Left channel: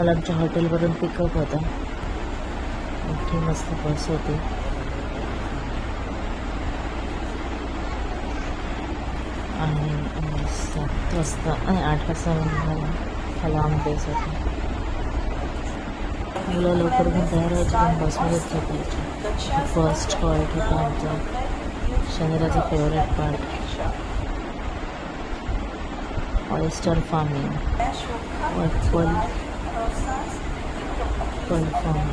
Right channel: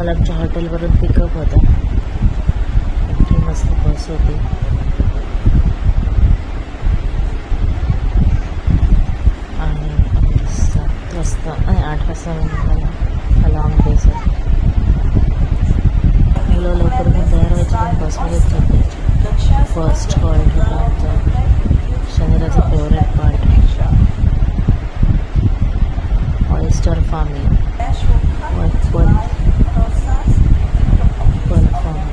आम्हाला आमच्या हॉटेलवरून पिकअप होता. इतकी मस्त बस होती. आणि 7 वाजता आणि 8 वाजता मला लॉंग बेस होती. मुलं लवकर पण तयार व्हायची पण बसमध्येच झोपायची. फर्स्ट पॉईंट होता आमचा शनिराचा favourite part, oyster farming. Pearl farming.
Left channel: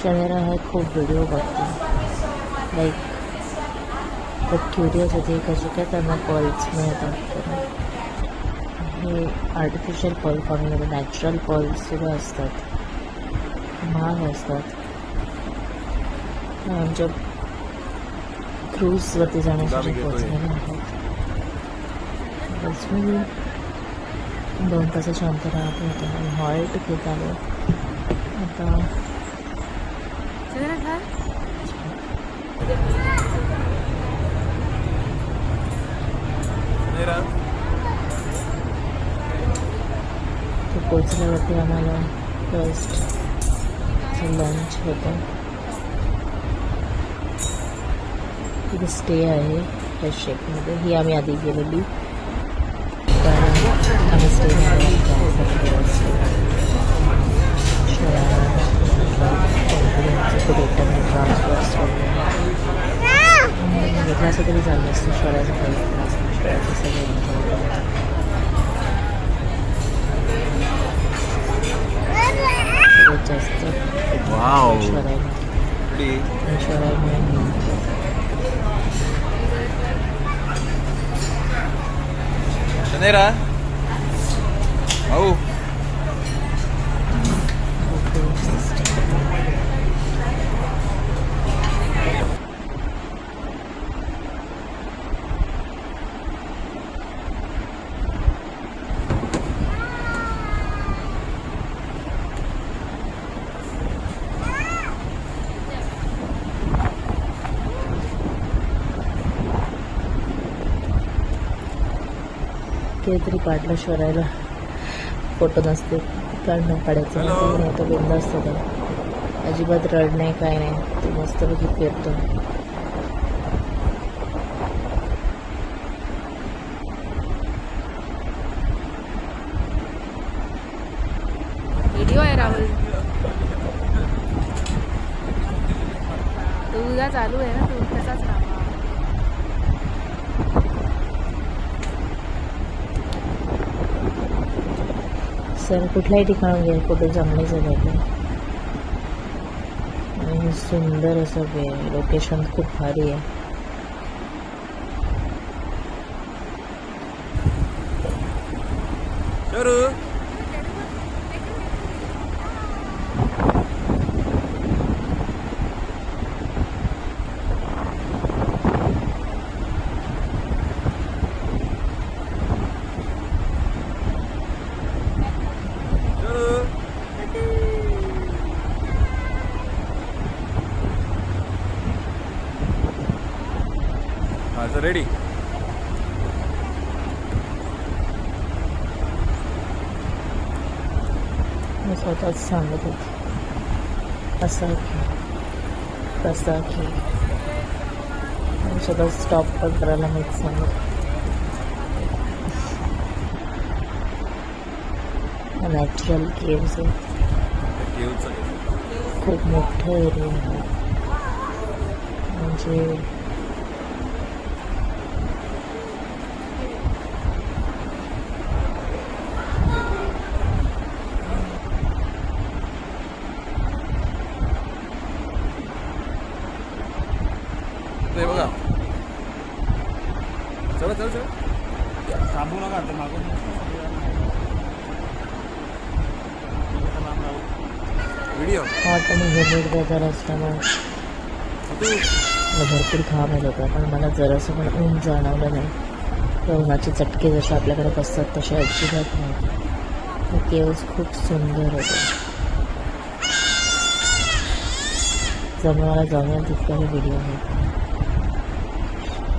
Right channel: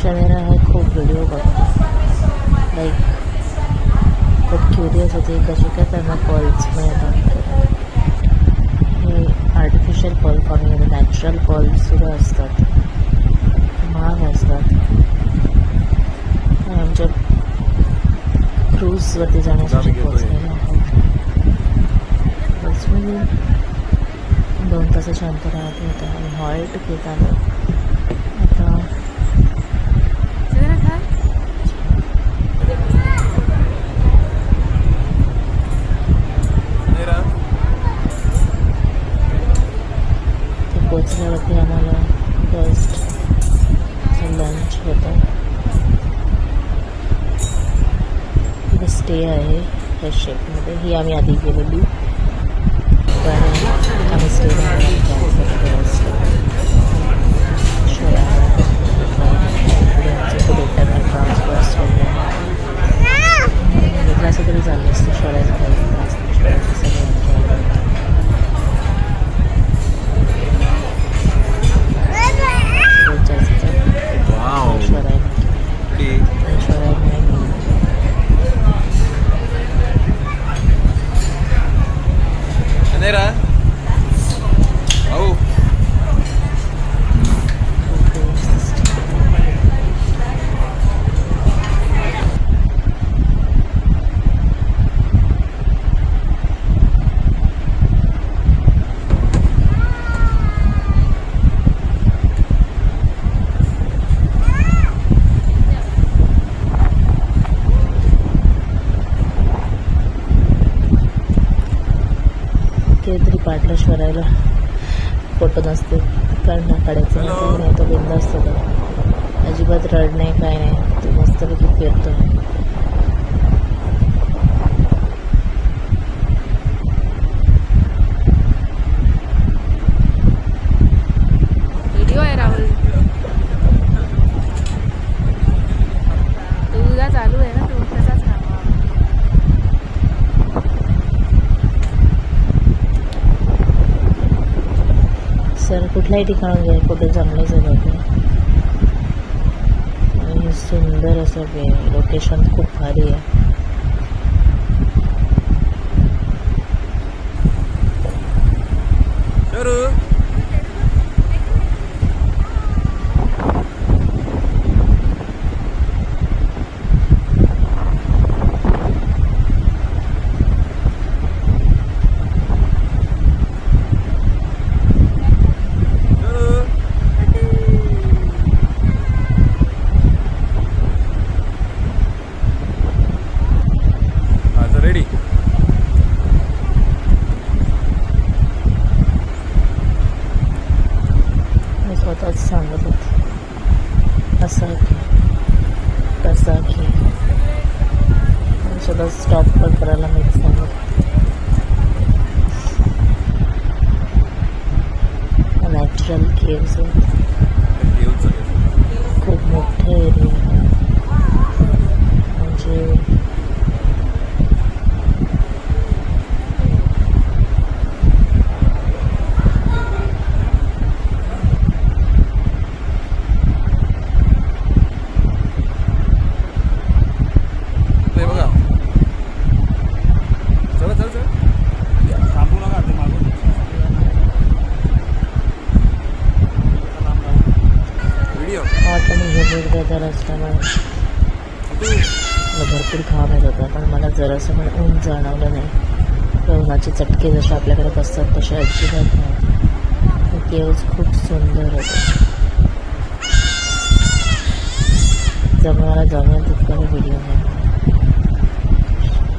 Shanira है खूप व्हिडिओ बघतो. लाईक खूप क्युरियस होते कसे काय त्यांना पर्ल्स मिळतात. हे आर्टिफिशियल पर्ल फार्मिंगमध्ये नॅचरल पर्ल्ससुद्धा असतात, महाग असतात. आमच्या क्रूजवरती जाण्यासाठी पोहोचलेले आहेत. बसमध्ये 2 तासाच्या अंतरावर होतं आणि हॉल्ट घेत आलो. आता पोचल्यावरती आम्हाला फर्स्ट लंच होतं. तिथे स्टे आहे फ्रेश शेपमध्ये. ही आम्ही आधी गेलेली कारण आम्ही स्टे ट्रान्सफर्स वगैरे असं तरी चाललं असतं. सगळे Shanera, oh. काहीतरी काढलं शोरायला फोटो नसते काढणं काढायचं नाही. तो बिंदास्त होता, अजिबात रड नाही काय नाही. ते मस्तपैकी फिरतो. व्हिडिओ आहे राहुल, तुझा चालू आहे ना, तू तसाच राहा. सर कुठल्याही ठिकाणी गेलं फोटो चांगले झाले आणि सुंदर असं लोकेशन खूप भारी आहे. रेडी. मी स्वतःच सांगत होते असं तसा की सगळं स्टॉप पण करायला माहीत झालं. नॅचरल केव्ज केव्हच आहे. खूप मोठे एरिया आहे. म्हणजे ते बघा. चला चला चला. थांबू नका ते मागून व्हिडिओ हॉट आणि ह्युमिड वेदर असताना भरपूर घाम येत होता, पण मला जरासं पण ऊन जाणवलं नाही. त्या उन्हाचे चटके जसे आपल्याकडे बसतात तसे अजिबात नव्हते. ते केव्ज खूप सुंदर होते. जमणारा जमेल तितका मी व्हिडिओ घेतला.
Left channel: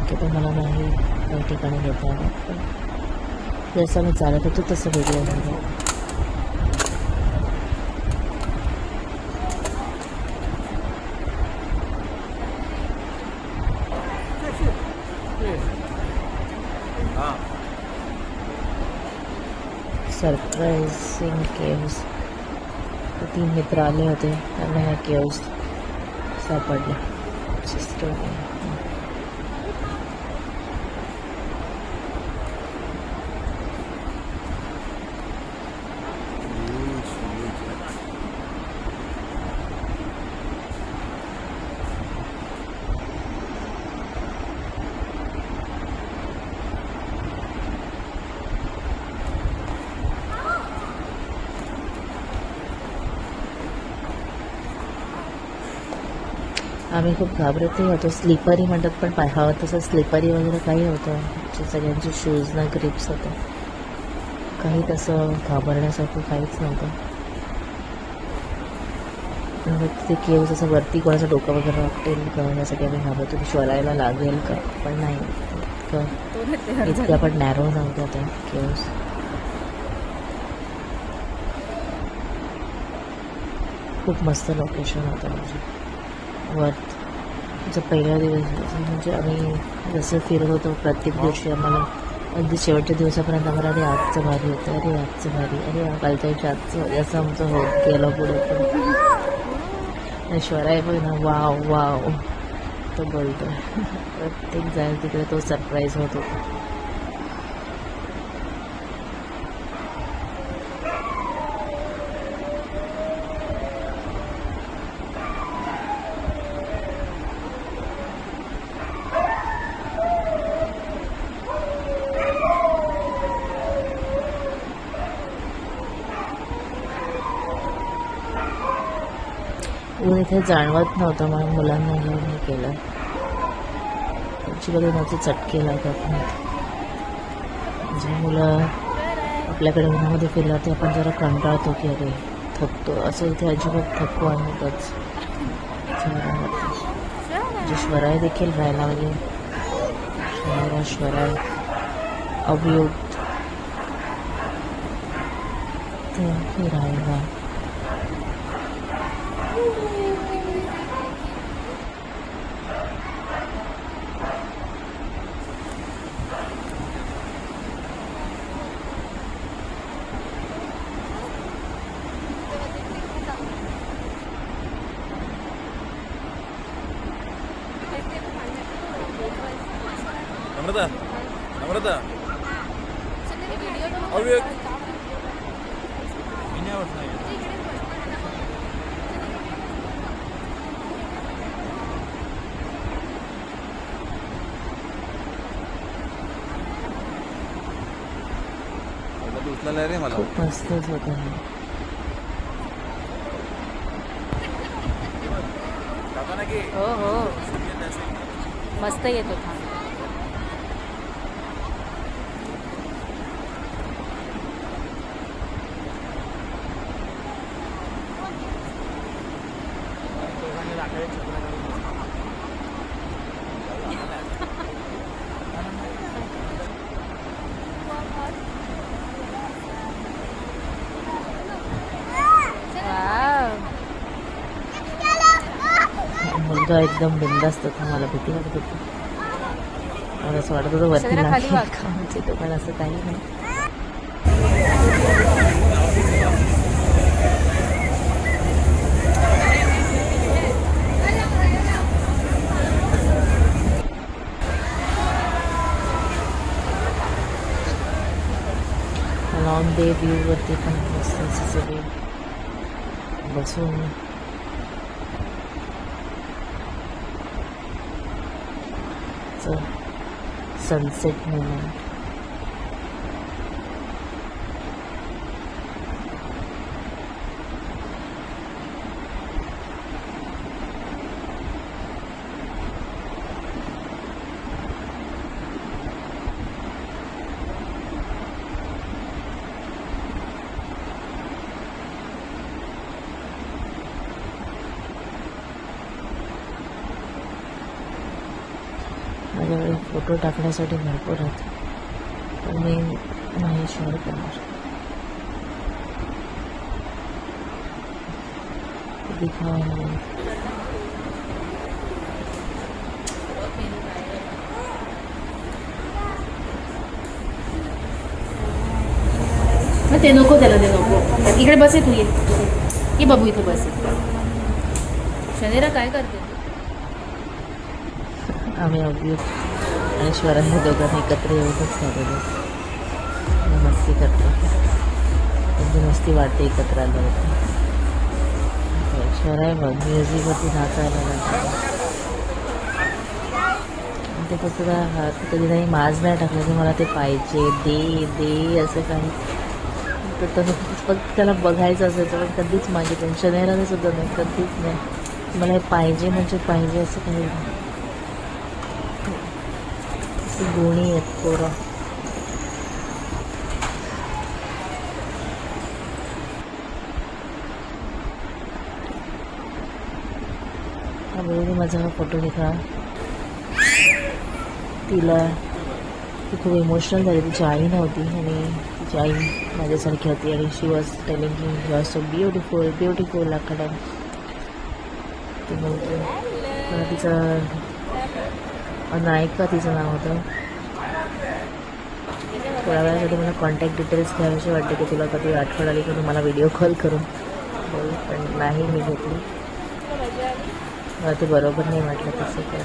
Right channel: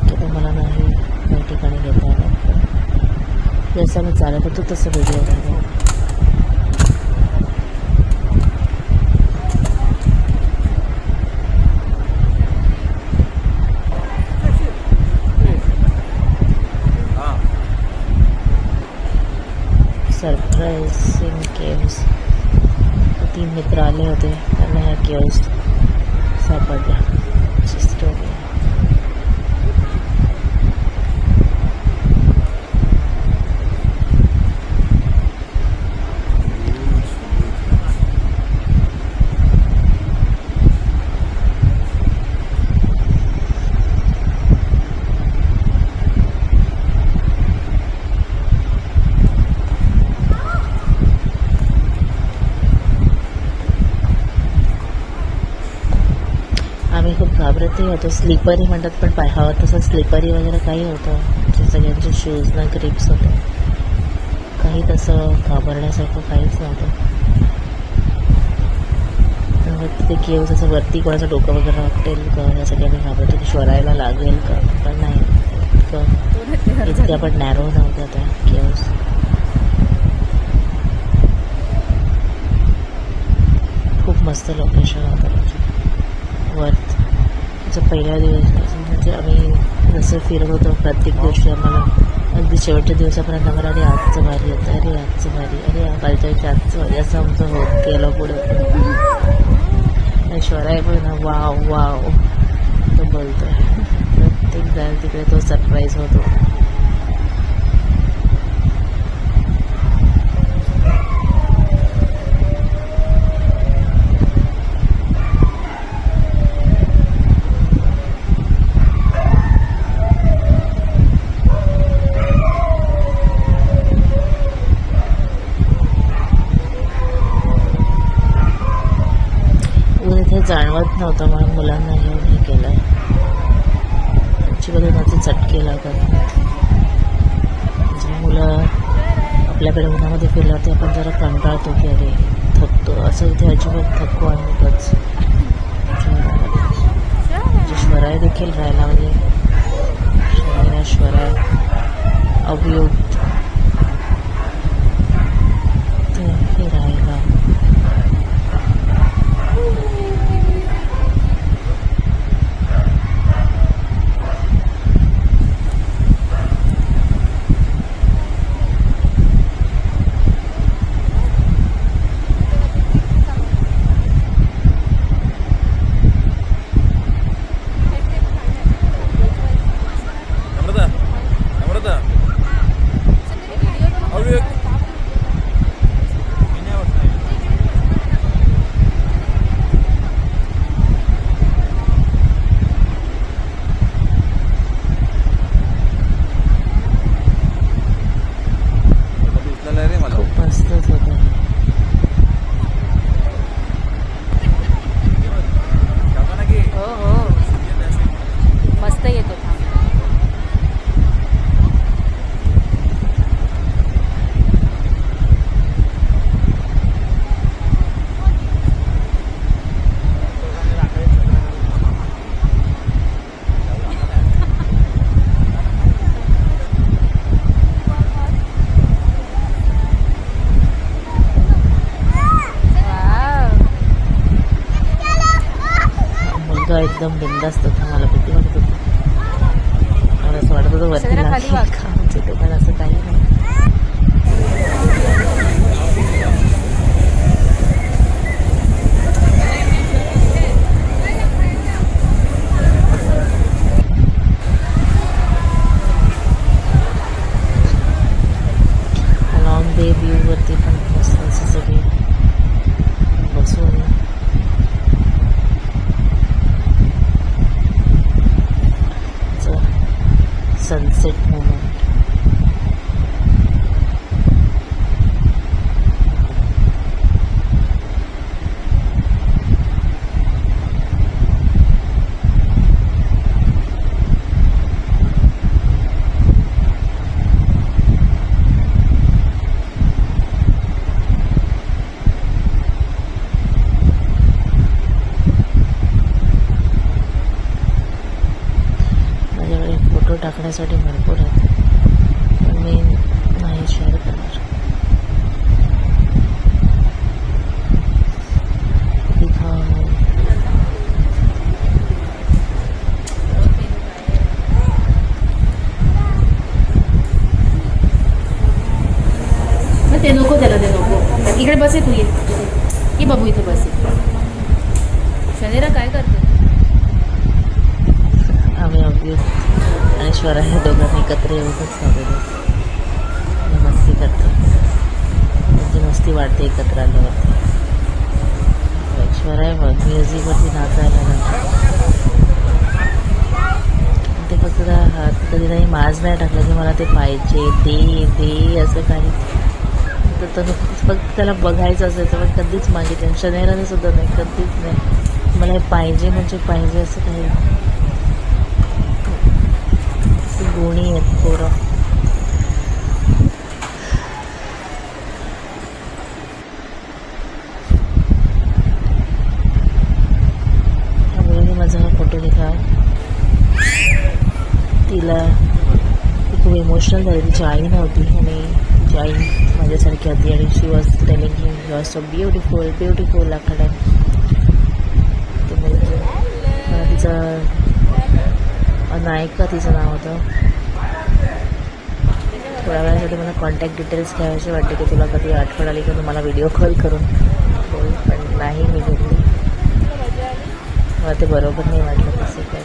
ते मला नाही काही ठिकाणी घेता येणार, पण जसं मी चालत होतो तसं व्हिडिओ घेतला. Surprising caves. 3 मित्र आले होते, त्यांना ह्या केव्स सापडल्या. सिस्टर आम्ही खूप घाबरतही होतो. स्लिपरी म्हणतात, पण हवं तसं स्लिपरी वगैरे काही होतं. म्हणजे सगळ्यांचे शूजना ग्रिप्स होते. काही तसं घाबरण्यासारखं काहीच नव्हतं. ते केव्ज असं वरती कोणाचं डोकं वगैरे वाटेल का यासाठी आम्ही घाबरतो की श्वरायला लागेल का, पण नाही. इतक्या पण नॅरो नव्हत्या त्या केव्ज. खूप मस्त लोकेशन होतं. म्हणजे पहिल्या दिवस म्हणजे आम्ही जसं फिरत होतो प्रत्येक दिवशी आम्हाला अगदी शेवटच्या दिवसापर्यंत आम्हाला अरे आजचं भारी येतं, अरे आजचं भारी, अरे कालच्या आजचं भारी असं आमचं होत गेलं पुढे. पण ऐश्वर्या पण ना वाव वाव तो बोलतो. प्रत्येक जायला तिकडे तो सरप्राईज होतो. इथे जाणवत नव्हतं म्हणून मुलांना घेऊन हे केलं. त्याची माझे चटके लागत नाहीत. मुलं आपल्याकडे उन्हामध्ये फिरला ते आपण जरा कंटाळतो की अरे थकतो. असं इथे अजिबात थकवा नव्हतंच. श्वराय देखील राहायला म्हणजे श्वराय अवयोग हे राहायला. खूप मस्तच होतं. हो हो मस्त येत होता. एकदम बिंदास्त होता. मला भीती वाटत होती. मला असं वाटत होतं वरती शरीरा खाली वाग. लागते पण असं काही नाही. लॉंग डे व्ह्यूवरती पण मस्त असं सगळे बसून सनसेट मोमेंट. माझ्याकडे फोटो टाकण्यासाठी भरपूर आहेत पण मी नाही शेअर करणार. ते नको त्याला, ते नको. इकडे बसे तू, ये बाबू इथे बसे. शनेरा काय करते? आम्ही अगदी आणि स्वराने दोघांनी एकत्र येऊनच झालेलो मस्ती करतो. म्हणजे मस्ती वाटते एकत्र आल्यावरती. स्वरा बघ म्युझिकवरती नाचायला लागला. ते फक्त हात कधी नाही माज नाही टाकलं की मला ते पाहिजे दे दे असं काही. तर फक्त त्याला बघायचं असायचं पण कधीच माझे टेन्शन येणारे सुद्धा नाही, कधीच नाही. मला हे पाहिजे म्हणजे पाहिजे असं काही नाही. गुणी आहेत पोरं. त्या मुलीने माझा हा फोटो घेतला. तिला ती खूप इमोशनल झाली. तिची आई नव्हती आणि तिची आई माझ्यासारखी होती आणि she was telling me you are so beautiful beautiful आकडा. ते बोलते मला तिचं नायका तिचं नाव होतं. थोड्या वेळासाठी मला कॉन्टॅक्ट डिटेल्स घ्यायचे वाटते की तुला कधी आठवण आली की मला व्हिडिओ कॉल करून बोल, पण नाही मी घेतली. मला ते बरोबर नाही वाटलं कसं काय.